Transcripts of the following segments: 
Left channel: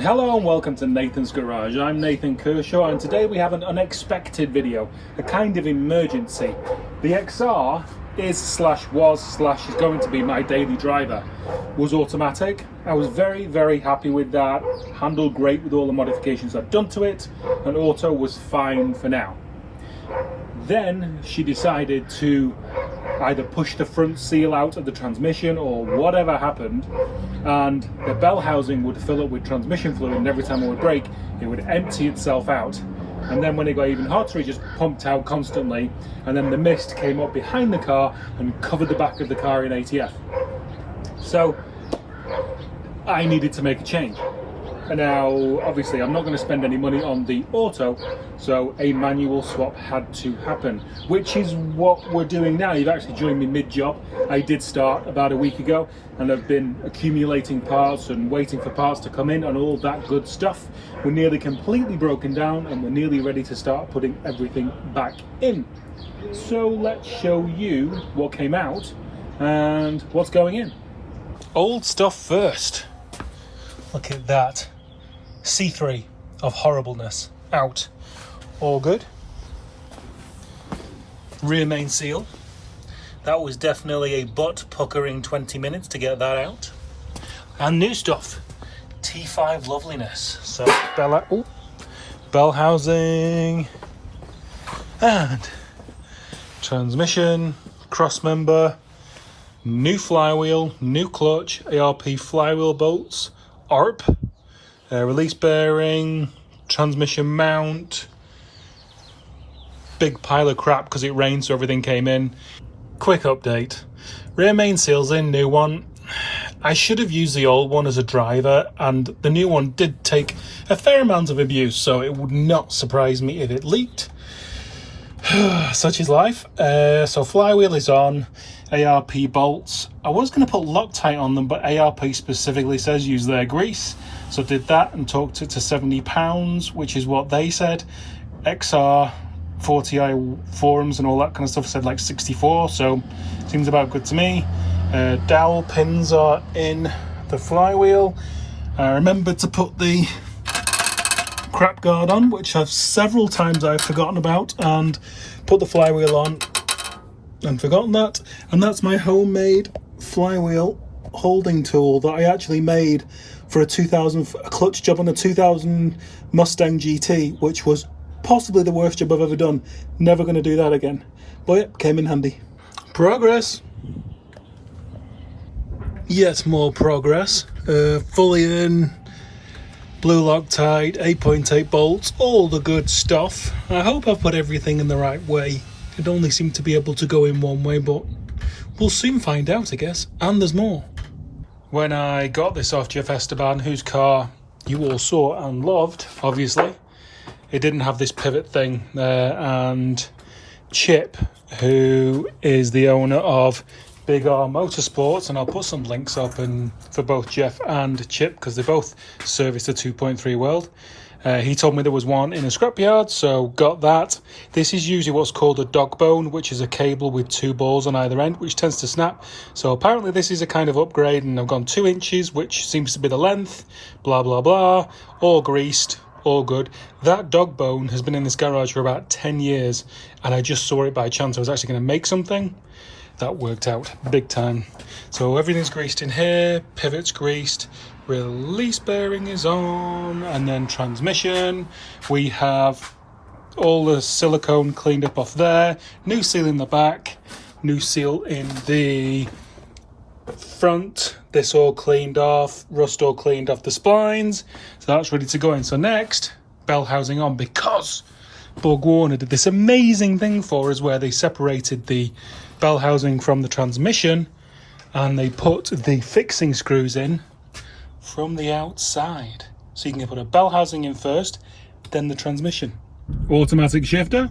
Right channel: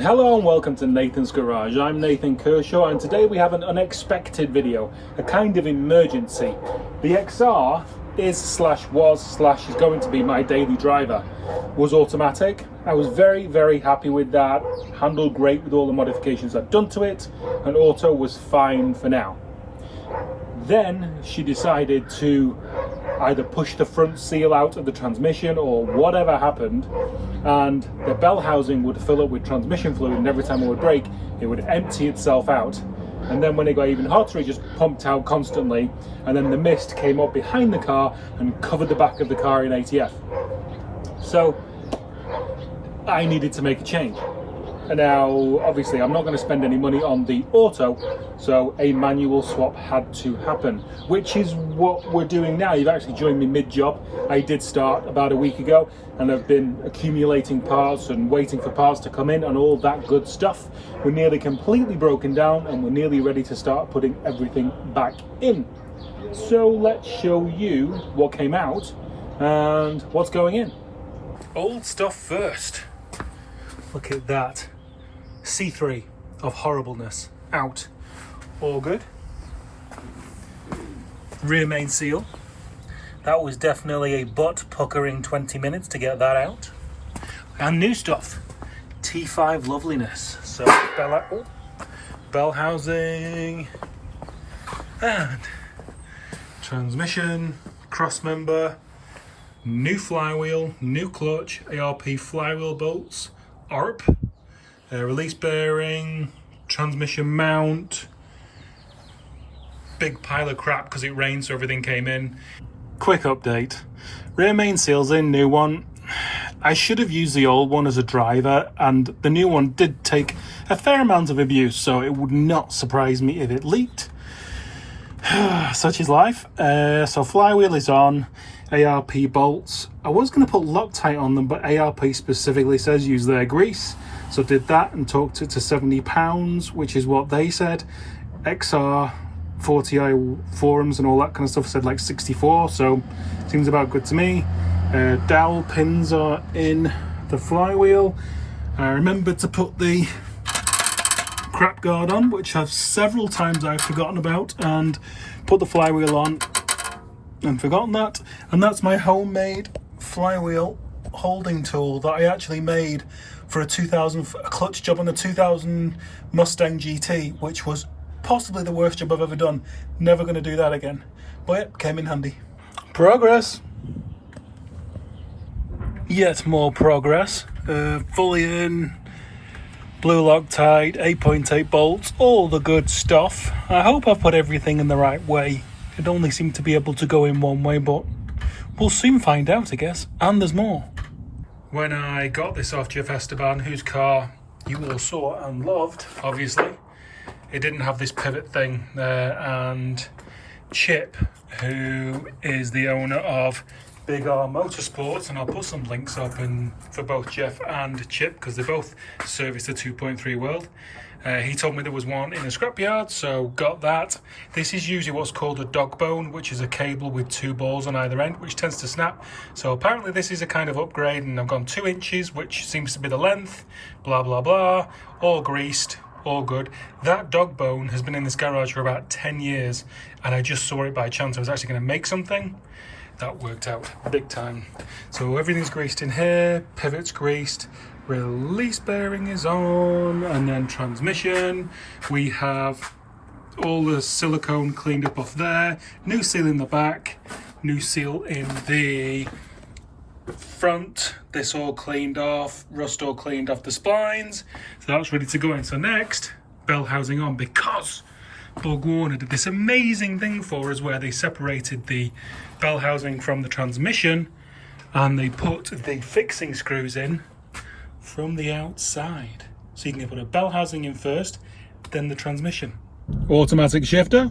Hello and welcome to Nathan's Garage. I'm Nathan Kershaw and today we have an unexpected video, a kind of emergency. The XR is going to be my daily driver. Was automatic. I was very happy with that, handled great with all the modifications I've done to it, and auto was fine for now. Then she decided to either push the front seal out of the transmission or whatever happened, and the bell housing would fill up with transmission fluid, and every time it would brake it would empty itself out, and then when it got even hotter it just pumped out constantly, and then the mist came up behind the car and covered the back of the car in ATF. So I needed to make a change. And now obviously I'm not going to spend any money on the auto, so a manual swap had to happen, which is what we're doing now. You've actually joined me mid-job. I did start about a week ago and I've been accumulating parts and waiting for parts to come in and all that good stuff. We're nearly completely broken down and we're nearly ready to start putting everything back in. So let's show you what came out and what's going in. Old stuff first. Look at that. C3 of horribleness out. All good. Rear main seal. That was definitely a butt puckering 20 minutes to get that out. And new stuff. T5 loveliness. So bell housing and transmission, cross member, new flywheel, new clutch, ARP flywheel bolts, ARP, release bearing, transmission mount, big pile of crap because it rained so everything came in. Quick update, rear main seal's in, new one. I should have used the old one as a driver and the new one did take a fair amount of abuse, so it would not surprise me if it leaked. Such is life. So flywheel is on, ARP bolts. I was going to put Loctite on them, but ARP specifically says use their grease. So did that and talked it to £70, which is what they said. XR4Ti forums and all that kind of stuff said like 64, so seems about good to me. Dowel pins are in the flywheel. I remembered to put the crap guard on, which I've several times I've forgotten about, and put the flywheel on and forgotten that. And that's my homemade flywheel holding tool that I actually made for a clutch job on a 2000 Mustang GT, which was possibly the worst job I've ever done. Never going to do that again, but it came in handy. Progress. Yet more progress. Fully in, blue Loctite, 8.8 bolts, all the good stuff. I hope I've put everything in the right way. It only seemed to be able to go in one way, but we'll soon find out, I guess. And there's more. When I got this off Jeff Esteban, whose car you all saw and loved, obviously, it didn't have this pivot thing. And Chip, who is the owner of Big R Motorsports, and I'll put some links up for both Jeff and Chip because they both service the 2.3 world. He told me there was one in a scrapyard, so got that. This is usually what's called a dog bone, which is a cable with two balls on either end, which tends to snap. So apparently this is a kind of upgrade, and I've gone 2 inches, which seems to be the length, blah, blah, blah, all greased, all good. That dog bone has been in this garage for about 10 years, and I just saw it by chance. I was actually going to make something. That worked out big time. So everything's greased in here, pivot's greased, release bearing is on, and then transmission. We have all the silicone cleaned up off there, new seal in the back, new seal in the front, this all cleaned off, rust all cleaned off the splines, so that's ready to go in. So next, bell housing on, because Borg Warner did this amazing thing for us where they separated the bell housing from the transmission and they put the fixing screws in from the outside. So you can put a bell housing in first, then the transmission. Automatic shifter.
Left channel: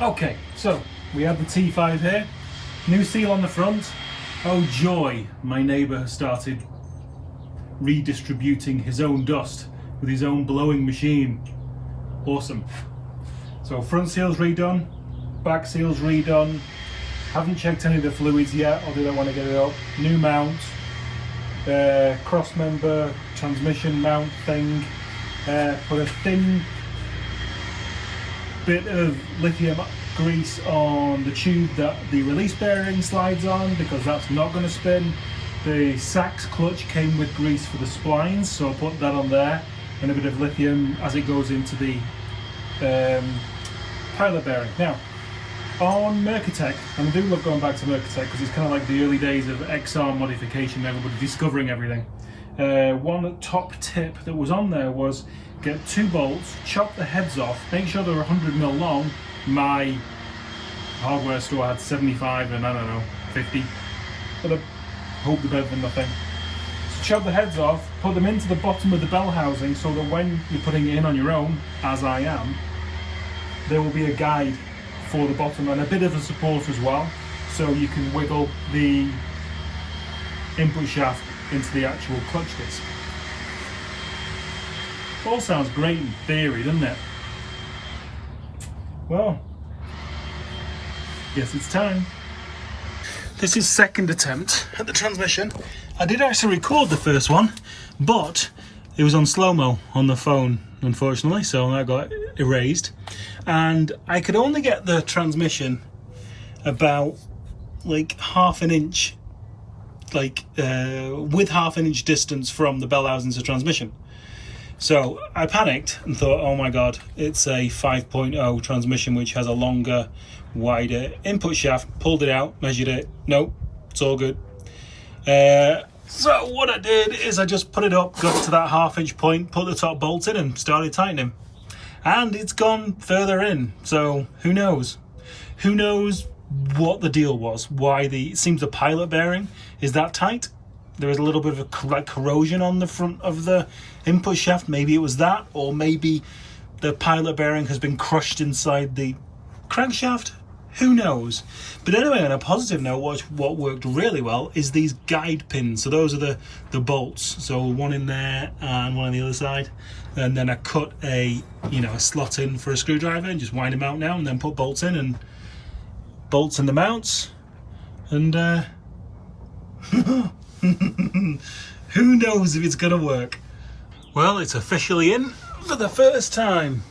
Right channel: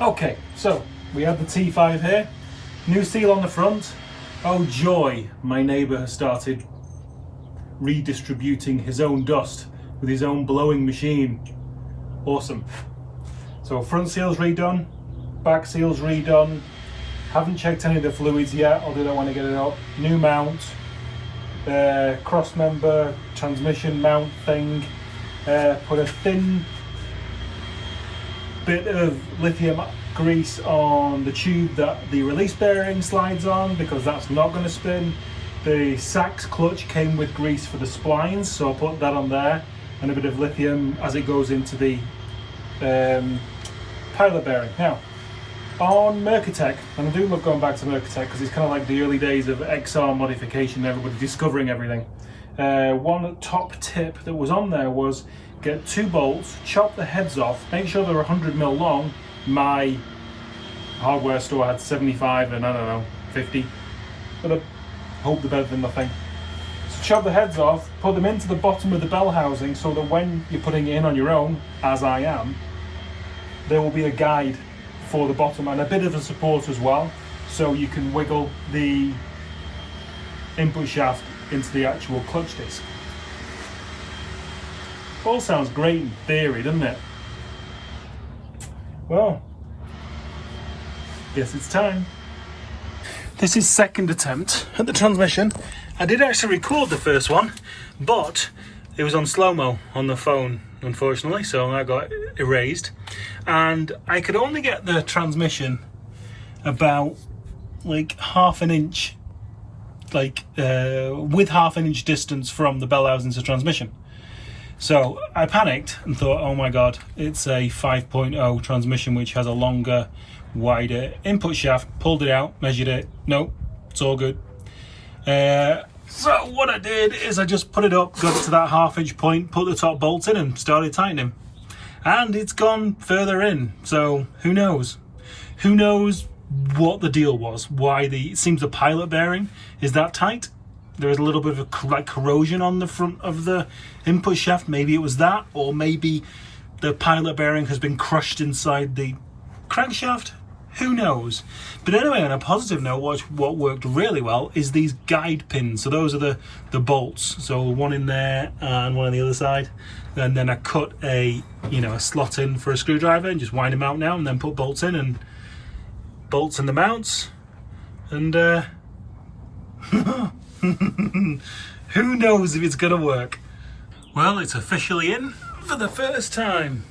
Okay, so we have the T5 here. New seal on the front. Oh joy, my neighbour has started redistributing his own dust with his own blowing machine. Awesome. So front seal's redone, back seal's redone. Haven't checked any of the fluids yet, I'll do that when I get it up. New mount, cross member transmission mount thing. Put a thin bit of lithium grease on the tube that the release bearing slides on, because that's not going to spin. The Sachs clutch came with grease for the splines, so I put that on there, and a bit of lithium as it goes into the pilot bearing. Now, on Merkur, and I do love going back to Merkur because it's kind of like the early days of XR modification, everybody discovering everything. One top tip that was on there was get 2 bolts, chop the heads off, make sure they're 100mm long. My hardware store had 75 and I don't know, 50, but I hope they're better than nothing. So chop the heads off, put them into the bottom of the bell housing so that when you're putting it in on your own, as I am, there will be a guide for the bottom and a bit of a support as well, so you can wiggle the input shaft into the actual clutch disc. All sounds great in theory, doesn't it? Well, guess it's time. This is second attempt at the transmission. I did actually record the first one, but it was on slow-mo on the phone, unfortunately, so that got erased. And I could only get the transmission about like half an inch, with half an inch distance from the bell housing to transmission. So I panicked and thought, oh my god, it's a 5.0 transmission which has a longer, wider input shaft. Pulled it out, measured it, nope, it's all good. So what I did is I just put it up, got it to that half-inch point, put the top bolt in and started tightening. And it's gone further in, so who knows? Who knows what the deal was? Why it seems the pilot bearing is that tight. There is a little bit of corrosion on the front of the input shaft. Maybe it was that, or maybe the pilot bearing has been crushed inside the crankshaft. Who knows? But anyway, on a positive note, what worked really well is these guide pins. So those are the bolts. So one in there and one on the other side. And then I cut a slot in for a screwdriver and just wind them out now, and then put bolts in and bolts in the mounts. And who knows if it's gonna work? Well, it's officially in for the first time.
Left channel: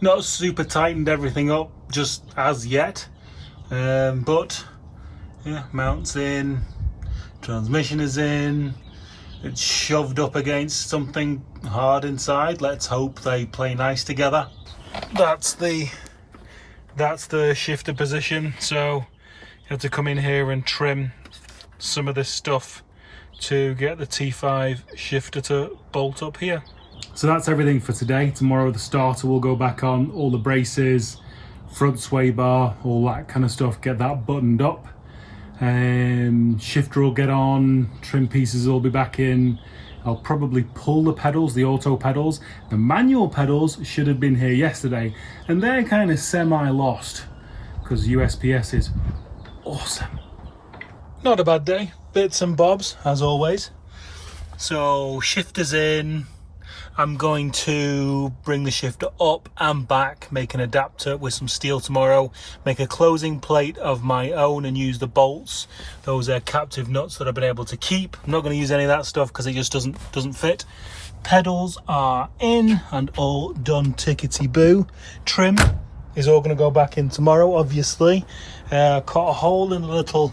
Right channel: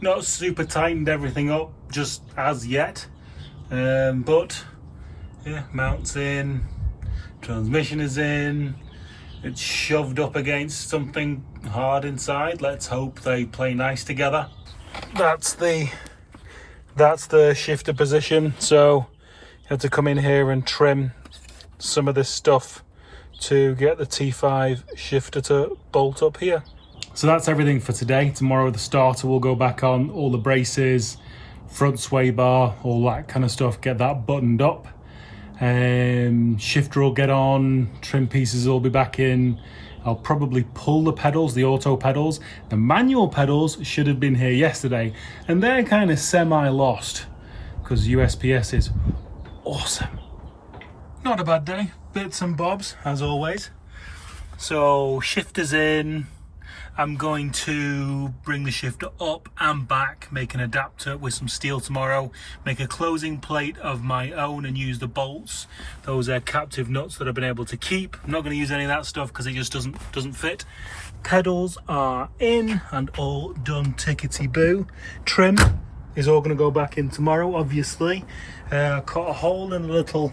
Not super tightened everything up just as yet, but yeah, mounts in, transmission is in, it's shoved up against something hard inside. Let's hope they play nice together. That's the shifter position, so you have to come in here and trim some of this stuff to get the T5 shifter to bolt up here. So that's everything for today. Tomorrow the starter will go back on, all the braces, front sway bar, all that kind of stuff, get that buttoned up. Shifter will get on, trim pieces will be back in. I'll probably pull the pedals, the auto pedals. The manual pedals should have been here yesterday, and they're kind of semi-lost because USPS is awesome. Not a bad day, bits and bobs as always. So shifter's in. I'm going to bring the shifter up and back, make an adapter with some steel tomorrow, make a closing plate of my own and use the bolts. Those are captive nuts that I've been able to keep. I'm not going to use any of that stuff because it just doesn't fit. Pedals are in and all done tickety-boo. Trim is all going to go back in tomorrow, obviously. Cut a hole in a little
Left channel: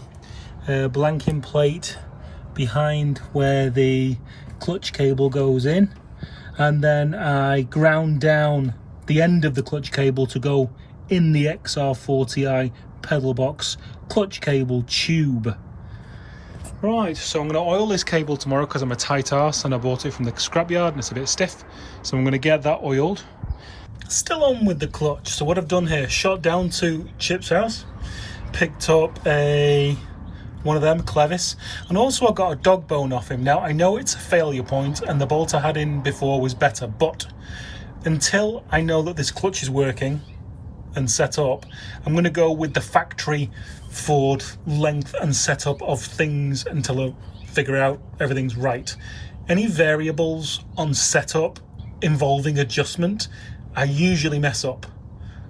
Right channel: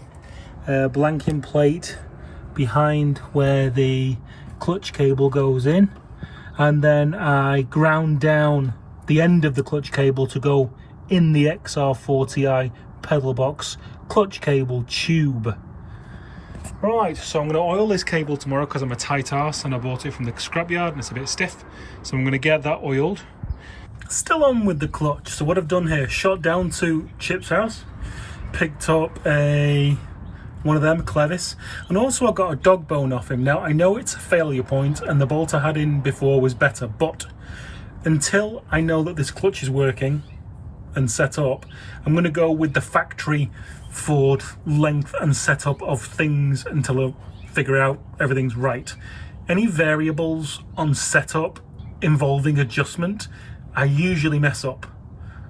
blanking plate behind where the clutch cable goes in. And then I ground down the end of the clutch cable to go in the XR4Ti pedal box clutch cable tube. Right, so I'm going to oil this cable tomorrow because I'm a tight arse and I bought it from the scrapyard and it's a bit stiff. So I'm going to get that oiled. Still on with the clutch. So what I've done here, shot down to Chip's house, picked up one of them, Clevis, and also I got a dog bone off him. Now I know it's a failure point and the bolt I had in before was better, but until I know that this clutch is working and set up, I'm going to go with the factory Ford length and setup of things until I figure out everything's right. Any variables on setup involving adjustment, I usually mess up.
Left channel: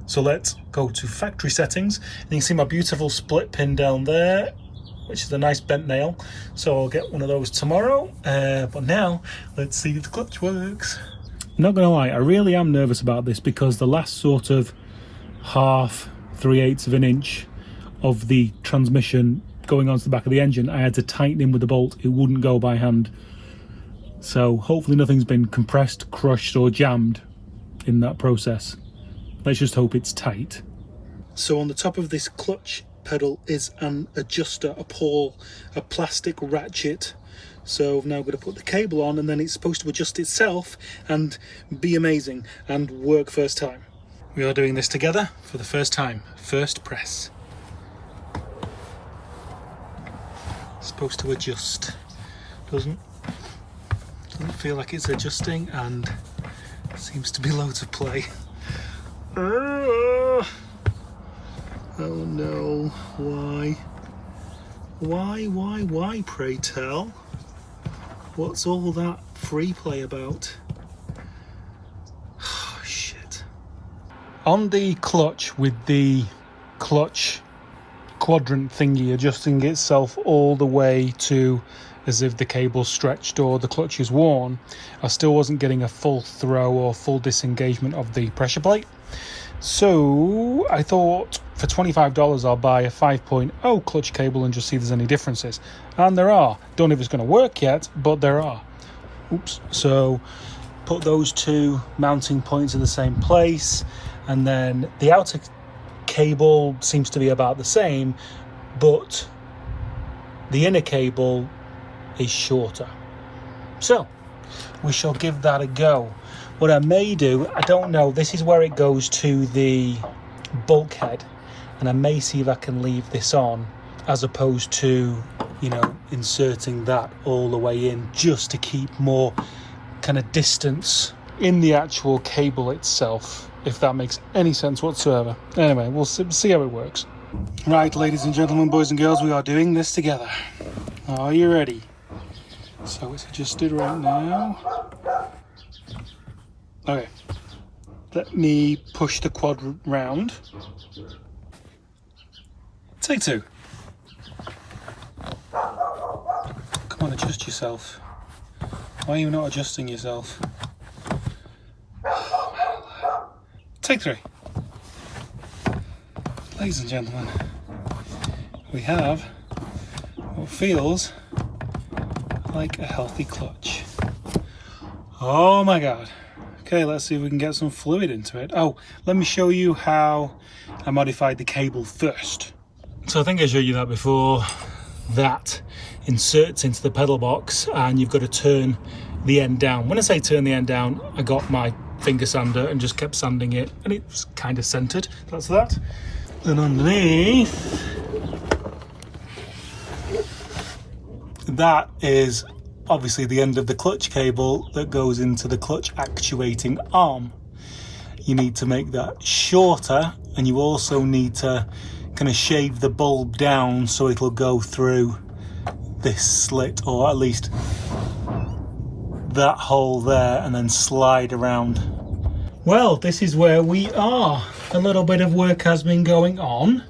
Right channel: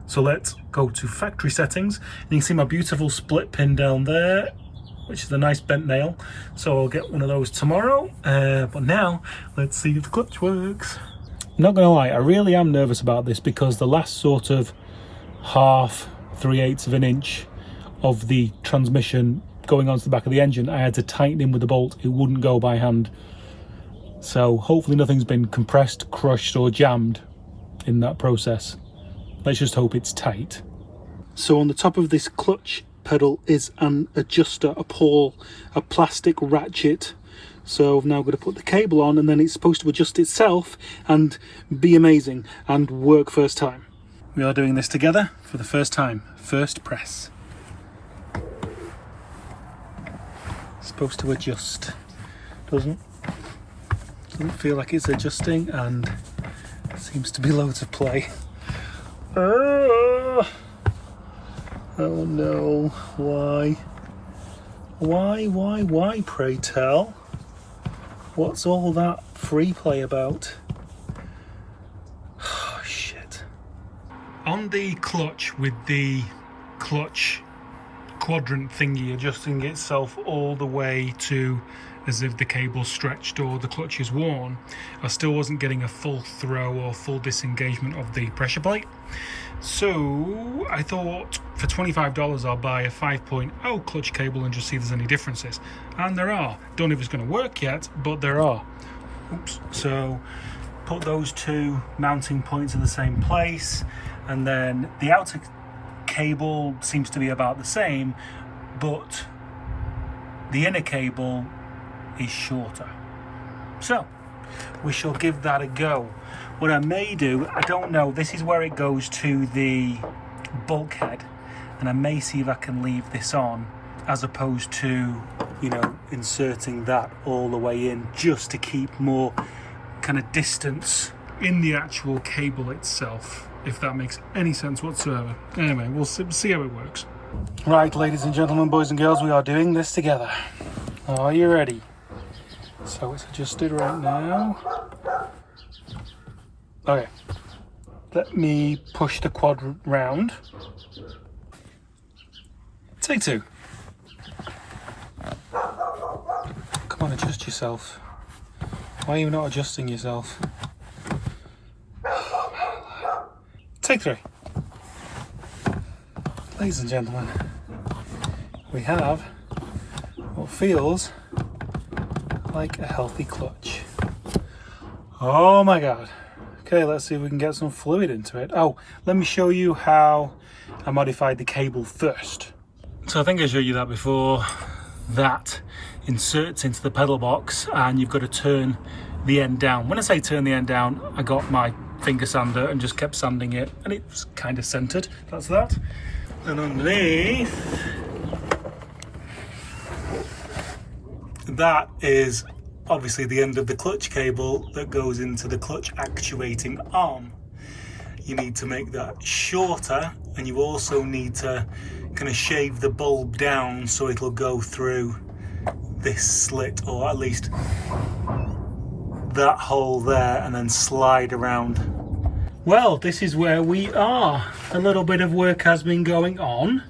So let's go to factory settings, and you can see my beautiful split pin down there. which is a nice bent nail. So I'll get one of those tomorrow. But now, let's see if the clutch works. Not gonna lie, I really am nervous about this because the last sort of half, 3/8 of an inch of the transmission going onto the back of the engine, I had to tighten in with the bolt. It wouldn't go by hand. So hopefully nothing's been compressed, crushed or jammed in that process. Let's just hope it's tight. So on the top of this clutch pedal is an adjuster, a pawl, a plastic ratchet. So I've now got to put the cable on and then it's supposed to adjust itself and be amazing and work first time. We are doing this together for the first time, first press. It's supposed to adjust, doesn't feel like it's adjusting, and seems to be loads of play. Oh no, why, pray tell? What's all that free play about? Oh, shit. On the clutch, with the clutch quadrant thingy adjusting itself all the way to as if the cable's stretched or the clutch is worn, I still wasn't getting a full throw or full disengagement of the pressure plate. So I thought for $25 I'll buy a 5.0 clutch cable and just see if there's any differences. And there are. Don't know if it's going to work yet, but there are. Oops. So put those two mounting points in the same place, and then the outer cable seems to be about the same, but the inner cable is shorter. So we shall give that a go. What I may do, I don't know, this is where it goes to the bulkhead, and I may see if I can leave this on as opposed to, you know, inserting that all the way in, just to keep more kind of distance in the actual cable itself, if that makes any sense whatsoever. Anyway, we'll see how it works. Right, ladies and gentlemen, boys and girls, we are doing this together. Are you ready? So it's adjusted right now. Okay, let me push the quadrant round. Take two. Come on, adjust yourself. Why are you not adjusting yourself? Take three. Ladies and gentlemen, we have what feels like a healthy clutch. Oh my God. Okay, let's see if we can get some fluid into it. Oh, let me show you how I modified the cable first. So I think I showed you that before. That inserts into the pedal box and you've got to turn the end down. When I say turn the end down, I got my finger sander and just kept sanding it, and it was kind of centered. That's that. Then underneath, that is obviously the end of the clutch cable that goes into the clutch actuating arm. You need to make that shorter, and you also need to kind of shave the bulb down so it'll go through this slit, or at least that hole there, and then slide around. Well, this is where we are. A little bit of work has been going on.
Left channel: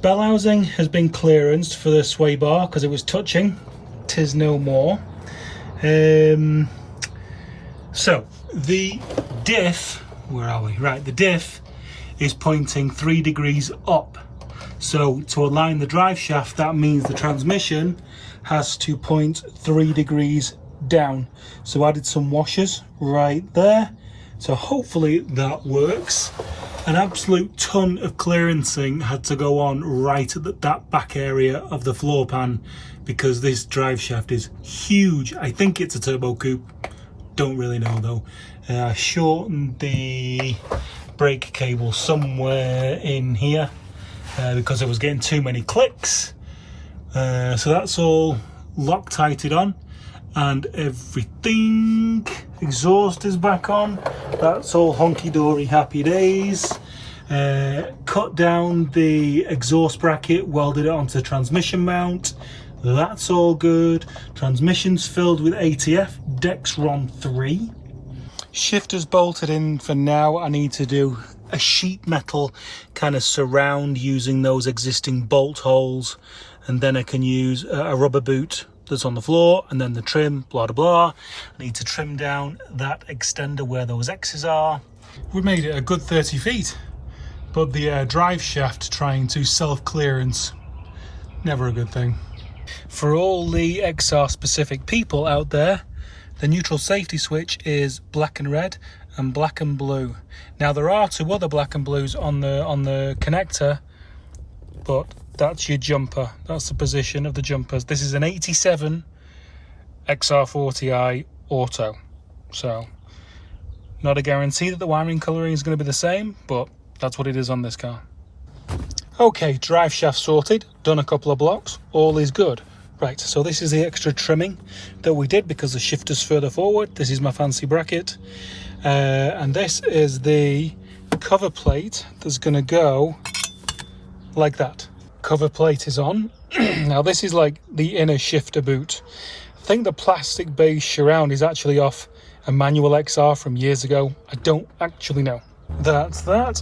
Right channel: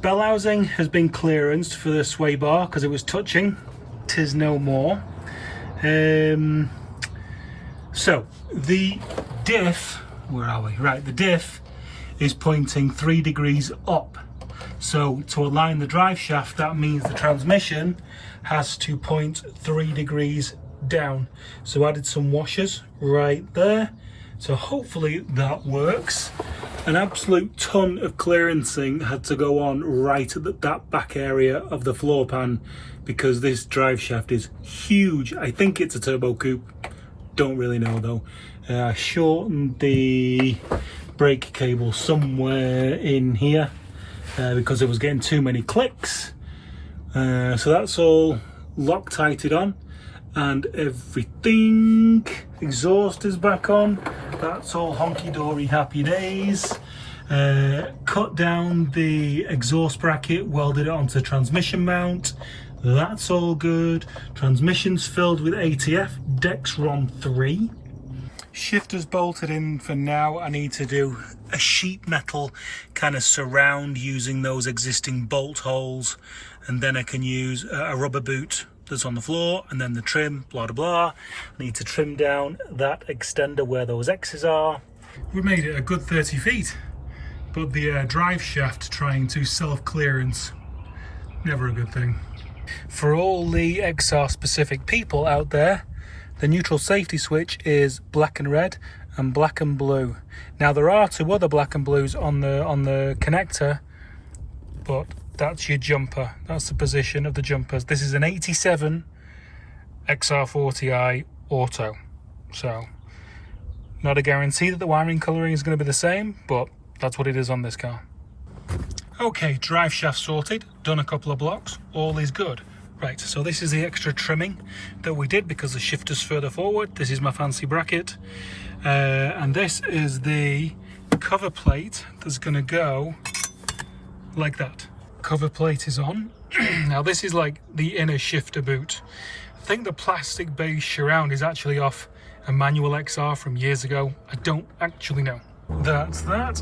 Bell housing has been clearanced for the sway bar because it was touching. 'Tis no more. So the diff, where are we? Right, the diff is pointing 3 degrees up. So to align the drive shaft, that means the transmission has to point 3 degrees down. So added some washers right there. So hopefully that works. An absolute ton of clearancing had to go on right at that back area of the floor pan because this drive shaft is huge. I think it's a turbo coupe, don't really know though. I shortened the brake cable somewhere in here because I was getting too many clicks. So that's all Loctited on, and everything. Exhaust is back on. That's all honky-dory, happy days. Cut down the exhaust bracket, welded it onto the transmission mount. That's all good. Transmission's filled with ATF Dexron 3. Shifter's bolted in for now. I need to do a sheet metal kind of surround using those existing bolt holes and then I can use a rubber boot that's on the floor, and then the trim, blah blah blah. I need to trim down that extender where those X's are. We made it a good 30 feet, but the drive shaft trying to self-clearance, never a good thing. For all the XR specific people out there, the neutral safety switch is black and red and black and blue. Now there are two other black and blues on the connector, but that's your jumper. That's the position of the jumpers. This is an 87 XR4Ti Auto. So not a guarantee that the wiring colouring is going to be the same, but that's what it is on this car. Okay, drive shaft sorted, done a couple of blocks, all is good. Right, so this is the extra trimming that we did because the shifter's further forward. This is my fancy bracket. And this is the cover plate that's going to go like that. Cover plate is on. Now this is like the inner shifter boot. I think the plastic base surround is actually off a manual XR from years ago. I don't actually know. That's that.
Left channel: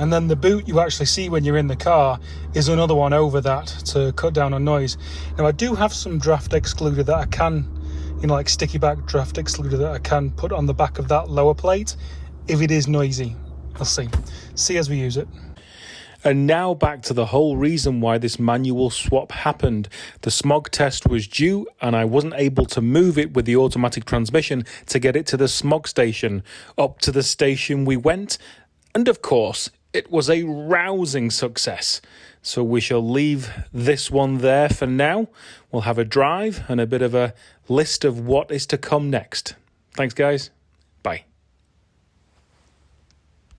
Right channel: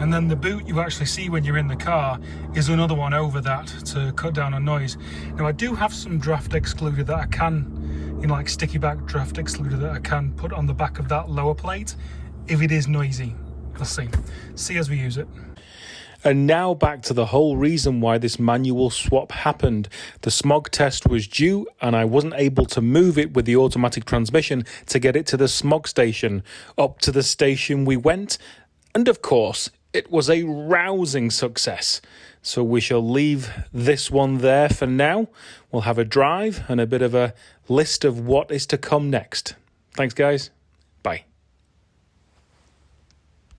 And then the boot you actually see when you're in the car is another one over that to cut down on noise. Now I do have some draft excluder that I can, you know, like sticky back draft excluder that I can put on the back of that lower plate if it is noisy. We'll see as we use it. And now back to the whole reason why this manual swap happened. The smog test was due and I wasn't able to move it with the automatic transmission to get it to the smog station. Up to the station we went, and of course it was a rousing success. So we shall leave this one there for now. We'll have a drive and a bit of a list of what is to come next. Thanks guys.